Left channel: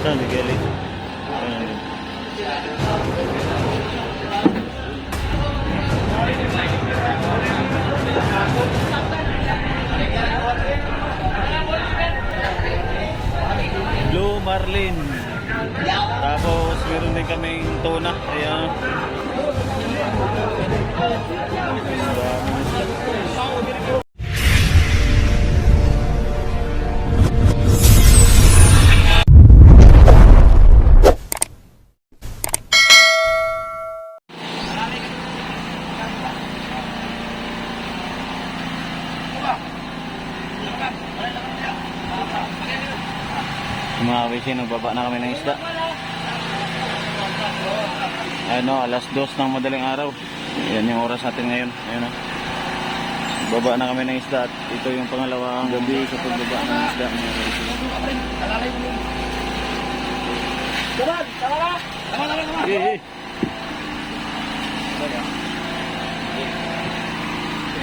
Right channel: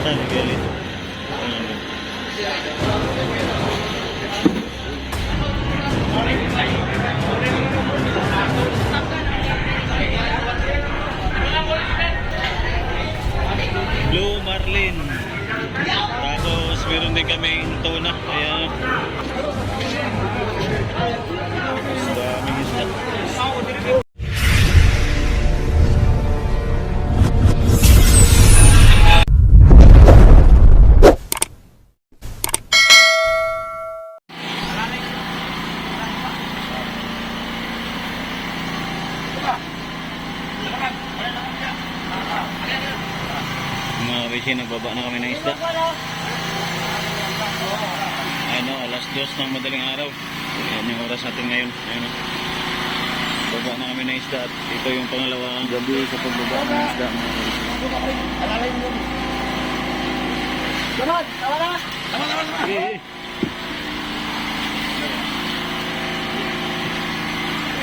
San Miguel ito. Blue Marlin. Tapos meron din kaming tuna. Ayan. Daming isda. Mga kabising, nagbaba na kami ng isda. Ayun o, alas 2 ng madaling araw. Yan yung oras natin ngayon. Ayun o, baba na kami ng isda. At ito yung pangalawang gabi sa pagbaba ng isda, mga kabising.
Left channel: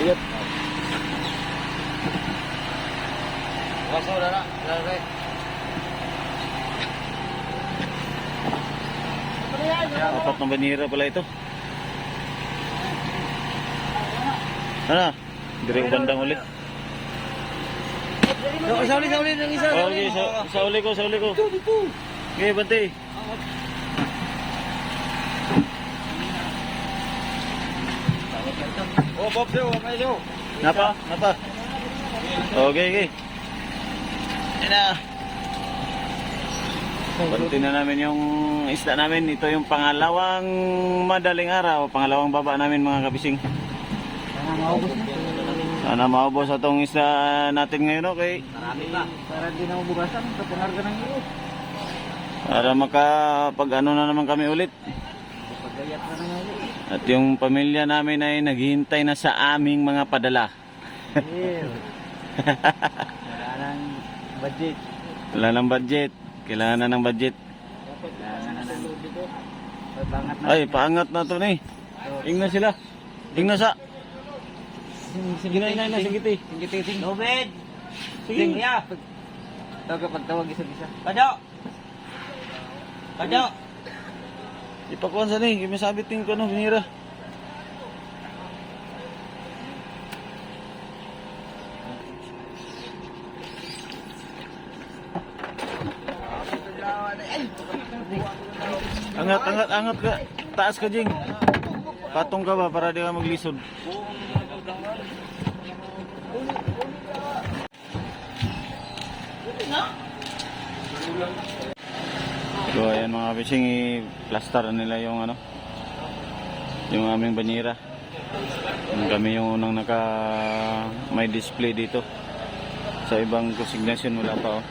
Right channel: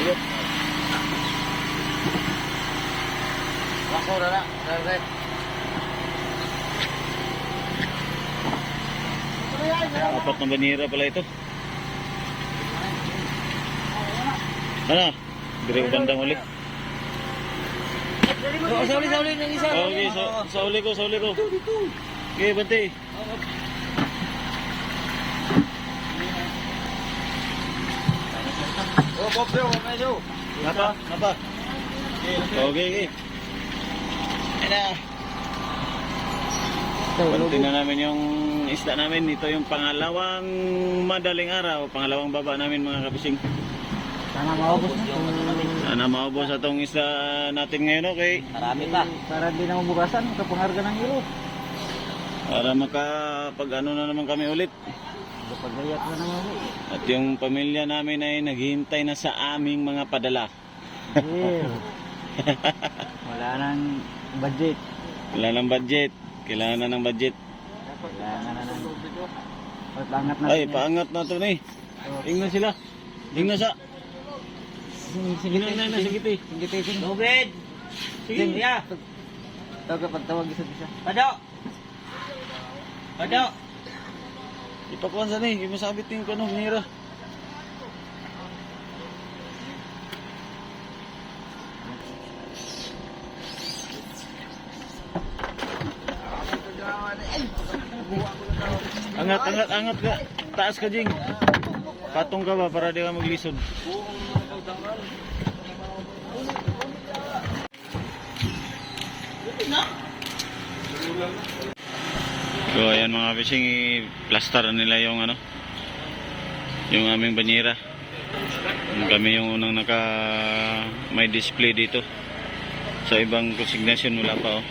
Ayun. Lakas na na. Apat na banira pala ito. Ano? Dire ko bandang uli. Sa uli ng isa. Okay, sa uli ko. Okay, bante. Oh, Bob, bro, medyo. Nata. Okay. Ina. Bantin na namin yung isda namin. Ito yung pangalawang madaling araw, pangalawang baba namin, mga kabising. Sana maubos atong isda natin ngayon, okay? Marami pa. Para di na mabukasan, kapangarga ng iro. Para makapag-ano na naman kami ulit. Kapag-ayat na naman ulit. At yung pamilya namin ay naghihintay na sa aming mga padala. Wala nang budget. Wala ng budget. Kailangan na ng budget. Kailangan na ng budget. Paangat na. Ay, paangat na ito na eh. Ingna sila. Ingna sa. Sige na. Sige. Nobed! Sige. Kuya! Ito kapag tawag isa-isa. Pado! Ipakuhan sa ni. Imasabit yung ano, binira. Angat ka. Taas ka, Jing. Patong ka ba para di ka maglisod? So ayan mga fishing, plaster nila yung ano, yung aming banyera. Kami yung unang may display dito. Sa ibang consignation wala pa oh.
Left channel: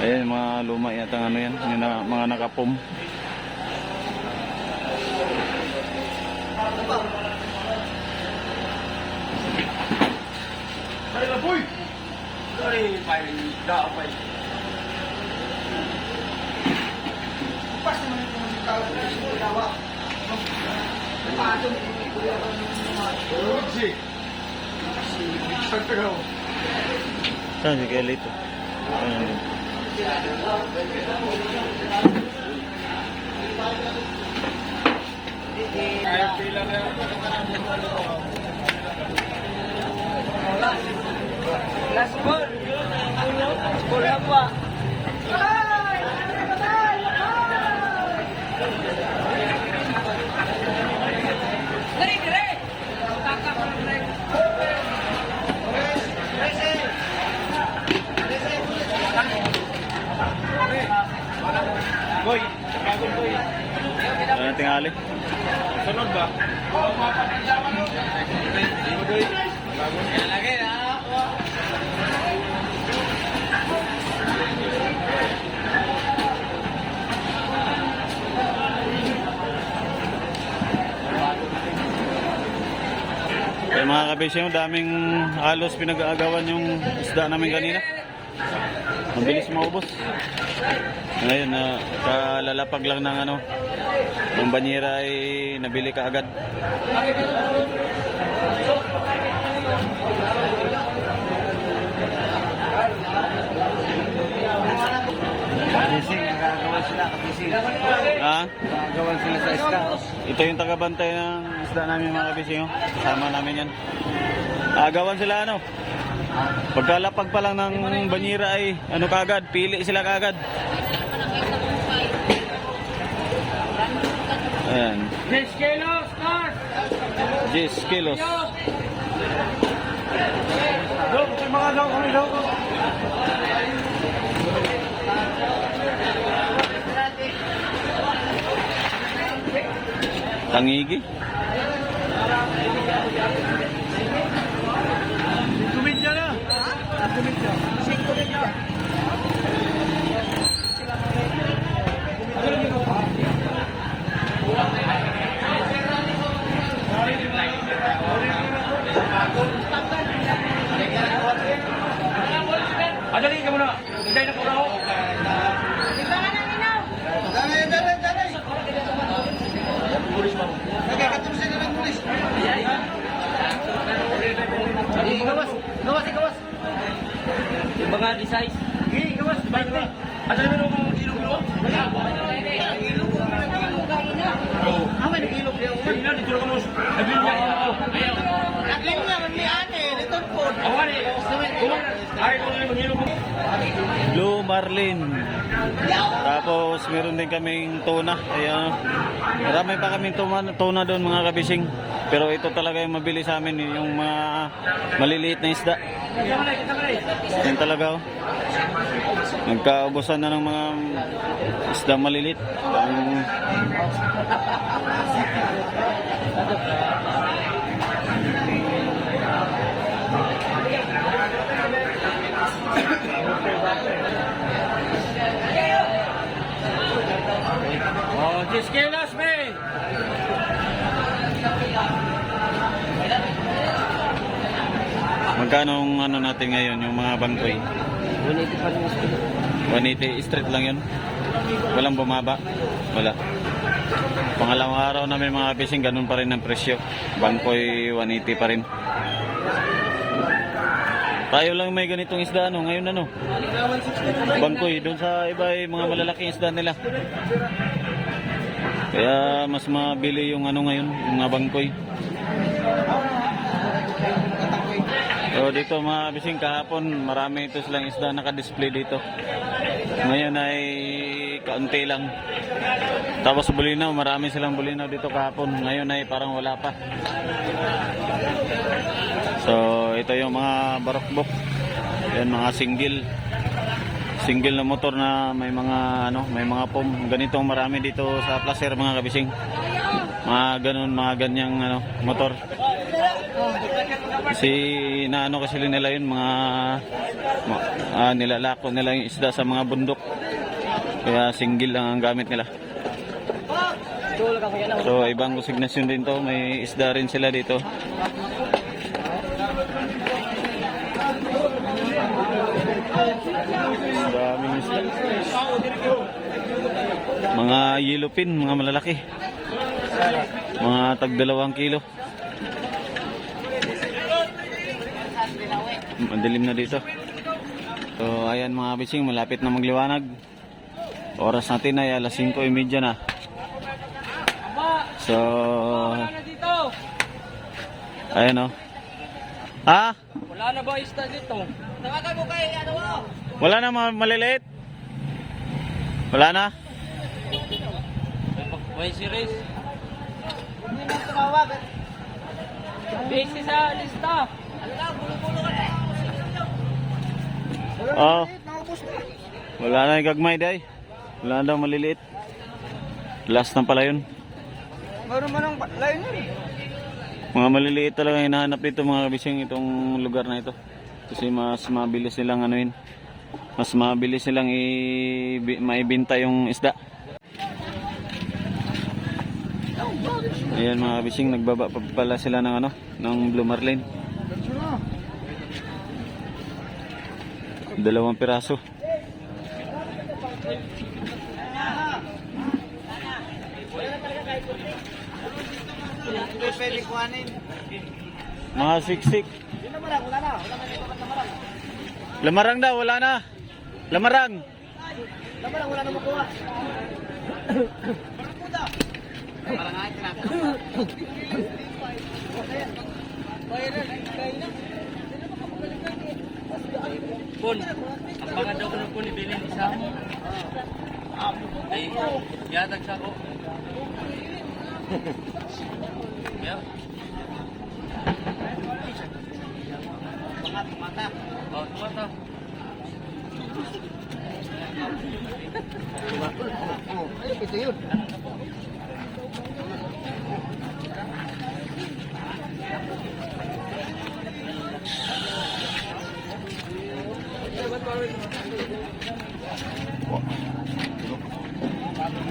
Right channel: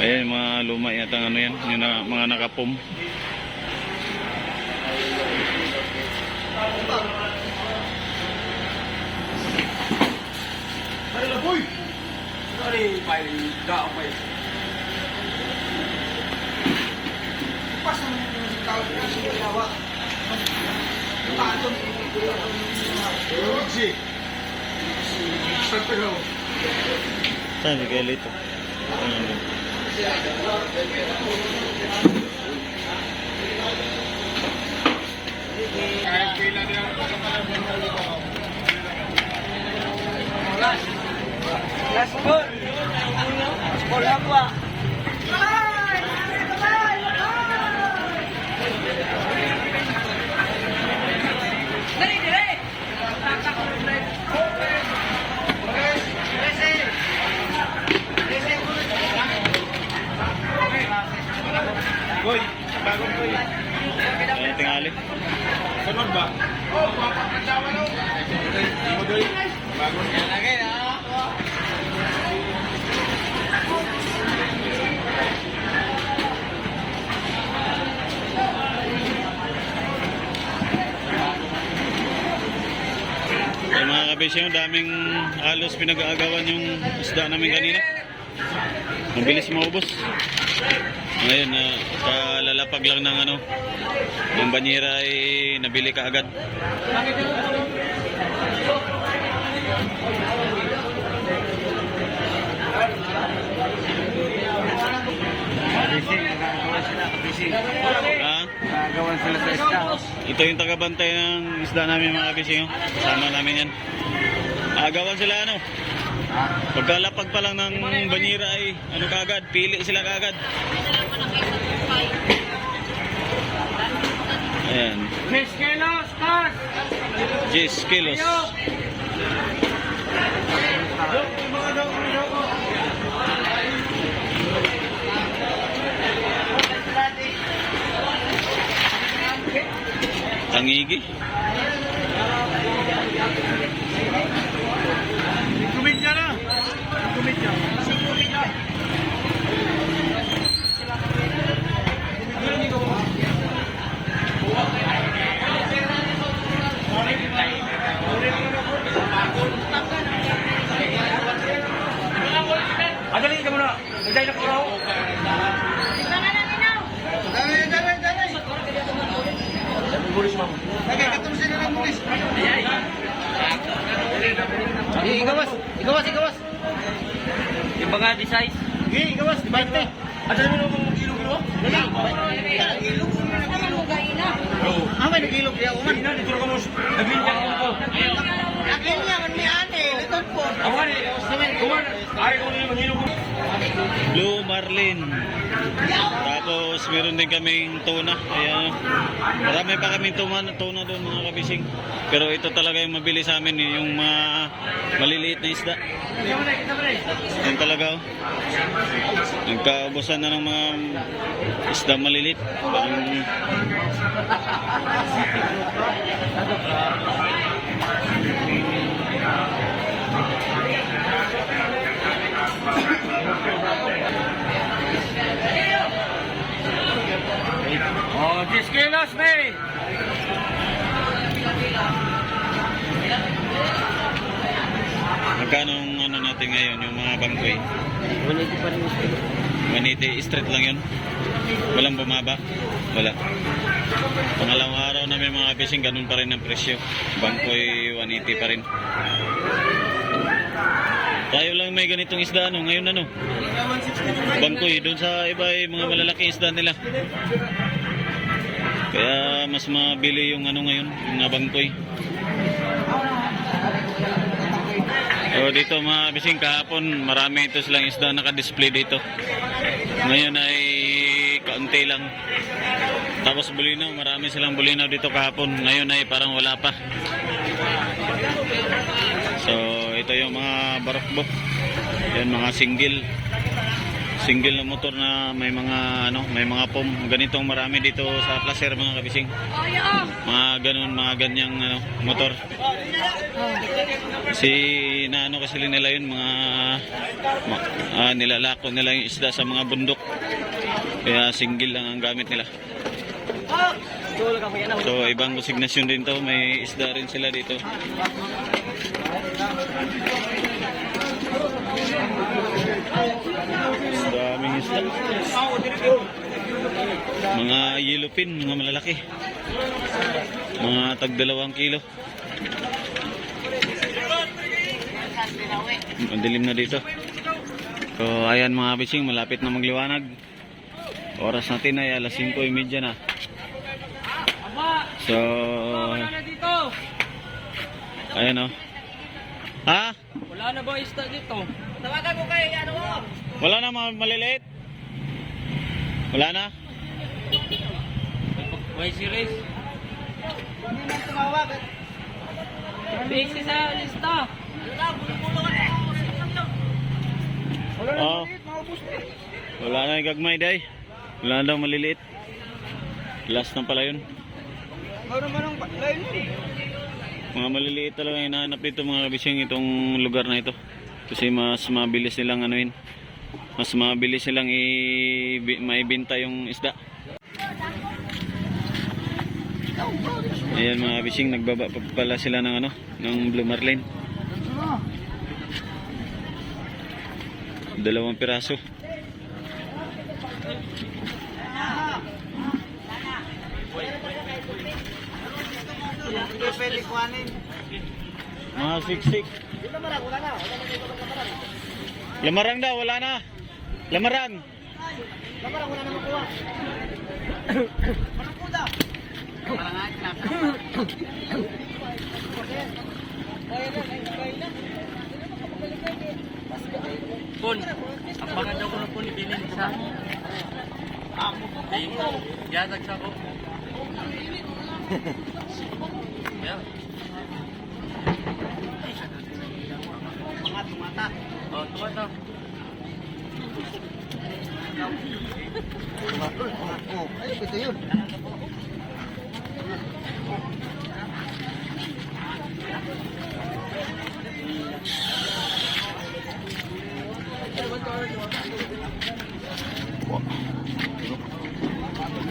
Ayan mga luma yata ano yan, yung mga nakapom. Pare boy! Sorry, pare. Dao pa eh. Pas naman yung tao ko sa lawa. Patong Roxy. Pero Saan si Kelly ito? Ayan. last goal. Boy, bagong boy. Ano tingali? Sunod ba? Boy. Yan lagi na. Eh mga kabisyo, daming halos pinag-aagawan yung isda namin kanina. Mabilis maubos. Ngayon, kalalapag lang ng ano, yung banyera ay nabili ka agad. Fishing. kabising. Ha? Nagawan sila sa isda. Ito yung tagabantay ng isda namin mga kabising. Oh. Kasama namin yan. Agawan sila ano. Pagkalapag pa lang ng banyera ay ano kagad, pili sila kagad. Ayan. 10 kilos, Kas! 10 kilos. Tangigi. Kumidya na! Kumidya. Sing kumidya. Adalin ka muna. Nandiyan na ko. Bulis mo. Sabi, katong sila ng bulis. Igawas. Iba nga di size. Igawas, 20. Adalin mo na mga kilo. Ilog mo na. Oo. Ang may nag-ilog diya. Uman, dito ka mo. Nag-ilog ka. Akin niya, man may ane. Litod po. Uman, ayaw ko na mag-ilog mo. Blue marlin. Tapos meron din kaming tuna. Ayan. Marami pa kaming tuna doon mga kabising. Pero ito talaga yung mabili sa amin, yung mga maliliit na isda. Yan talaga oh. Nagkaubusan na ng mga isda maliliit. Parang Oh, 10 kilos, may! magkano ang ano natin ngayon, yung mga bangkoy? 180 pa rin mas kilo. 180 straight lang yun. Walang bumaba. Wala. Pangalawang araw namin mga fishing, ganun pa rin ang presyo. Bangkoy 180 pa rin. Tayo lang may ganitong isda ano, ngayon ano. Bangkoy, doon sa iba ay mga malalaking isda nila. Kaya mas mabili yung ano ngayon, yung mga bangkoy. So dito mga fishing, kahapon marami ito silang isda naka-display dito. Ngayon ay kaunti lang. Tapos bulinaw, marami silang bulinaw dito kahapon. Ngayon ay parang wala pa. So ito yung mga barokbok. Yan mga single na motor na may mga ano, may mga pom. Ganitong marami dito sa Placer mga kabising. Mga ganun, mga ganyang ano, motor. Kasi naano kasi nila yun, mga nilalako nila yung isda sa mga bundok. Kaya single lang ang gamit nila. So ibang konsignasyon din to, may isda rin sila dito. Daming isda. Mga yellowfin, mga malalaki. Mga tag 2 kilo. Madilim na dito. So ayan mga fishing, malapit na magliwanag. Oras natin ay alas 5:30 na. So ayan o. Ha? Wala na ba isda dito? Tawagan ko kay ano mo? Wala na mga maliliit? Wala na? May series. Hindi mo tumawag. Busy sa lista. Ano ka? Bulo-bulo ka na ako. Oh. Wala na yung gagmay day. Wala na daw maliliit. Last na pala yun. Meron man ang line yun. Mga maliliit talaga hinahanap dito mga kabising, itong lugar na ito. Kasi mas mabilis silang anuin. Mas mabilis silang maibenta yung isda. Ayan mga kabising, nagbaba pa pala sila ng ano, ng blue marlin. 2 piraso. Pwede kuhanin. Mga siksik. Lamarang daw, wala na. Lamarang. Wala na makuha. Parang puda. Parang nga tinatama. Pon, ang baka daw ko na po ni Bilin sa ay, yatag sa ko. Yeah. Mga tumata. Oh, tumata. Ito yun.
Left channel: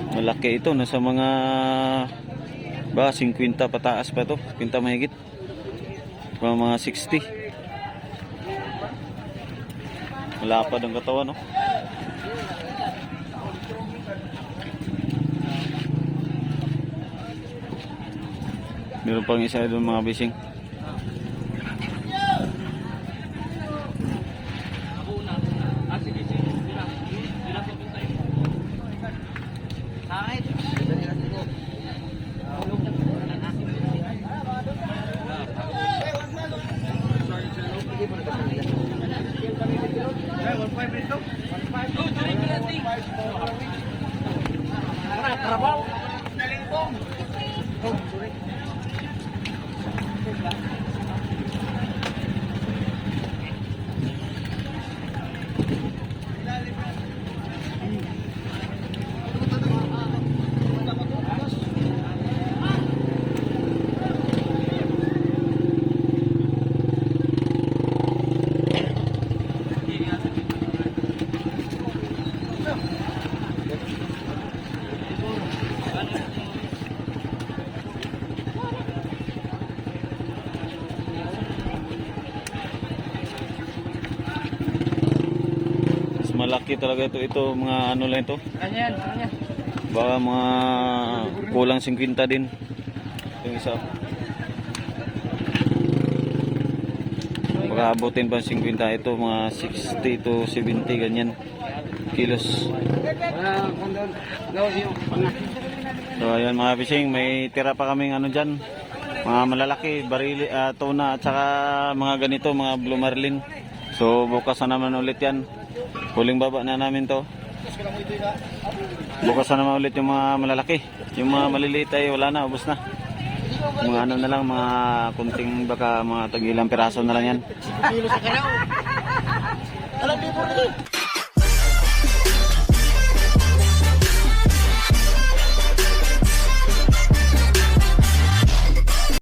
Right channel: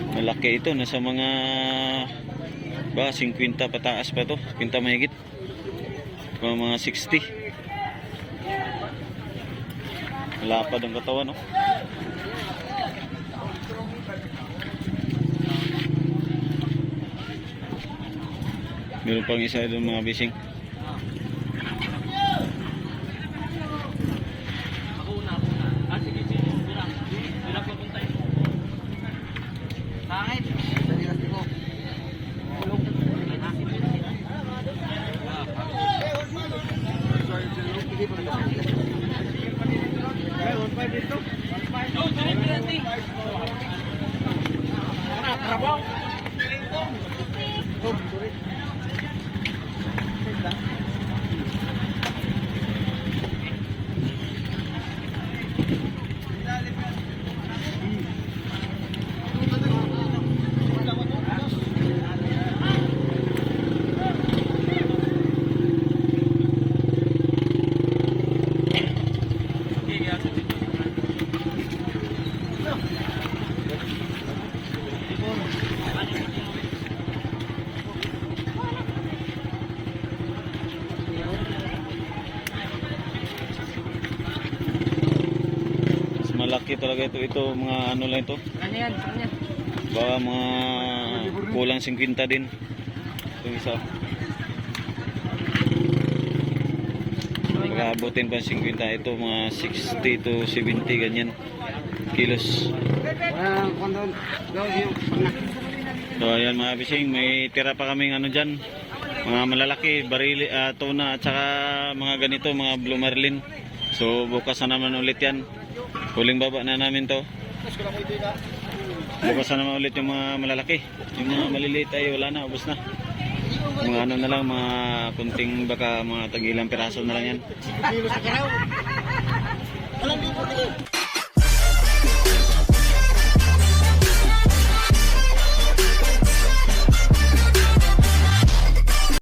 Malaki ito, nasa mga ba 50 pataas pa to, 50 mahigit. Mga 60. Malapad ang katawan, no? Meron pang isa doon mga bising. Ako una. Ah, sige. Bilang ko puntay. Kahit. Trabaho. Malaki talaga ito mga ano lang ito. Kanyan. Baka mga kulang 50 din. Itong isa. Baka abutin pa 50 ito, mga 60 to 70 ganyan kilos. Wala kondon. So ayan mga fishing, may tira pa kaming ano dyan. Mga malalaki, barili, tuna at saka mga ganito, mga blue marlin. So bukas na naman ulit yan. Huling baba na namin to. Bukas na naman ulit yung mga malalaki. Yung mga maliliit ay wala na, ubos na. Mga ano na lang, mga kunting baka mga tagilang piraso na lang yan. Alam niyo po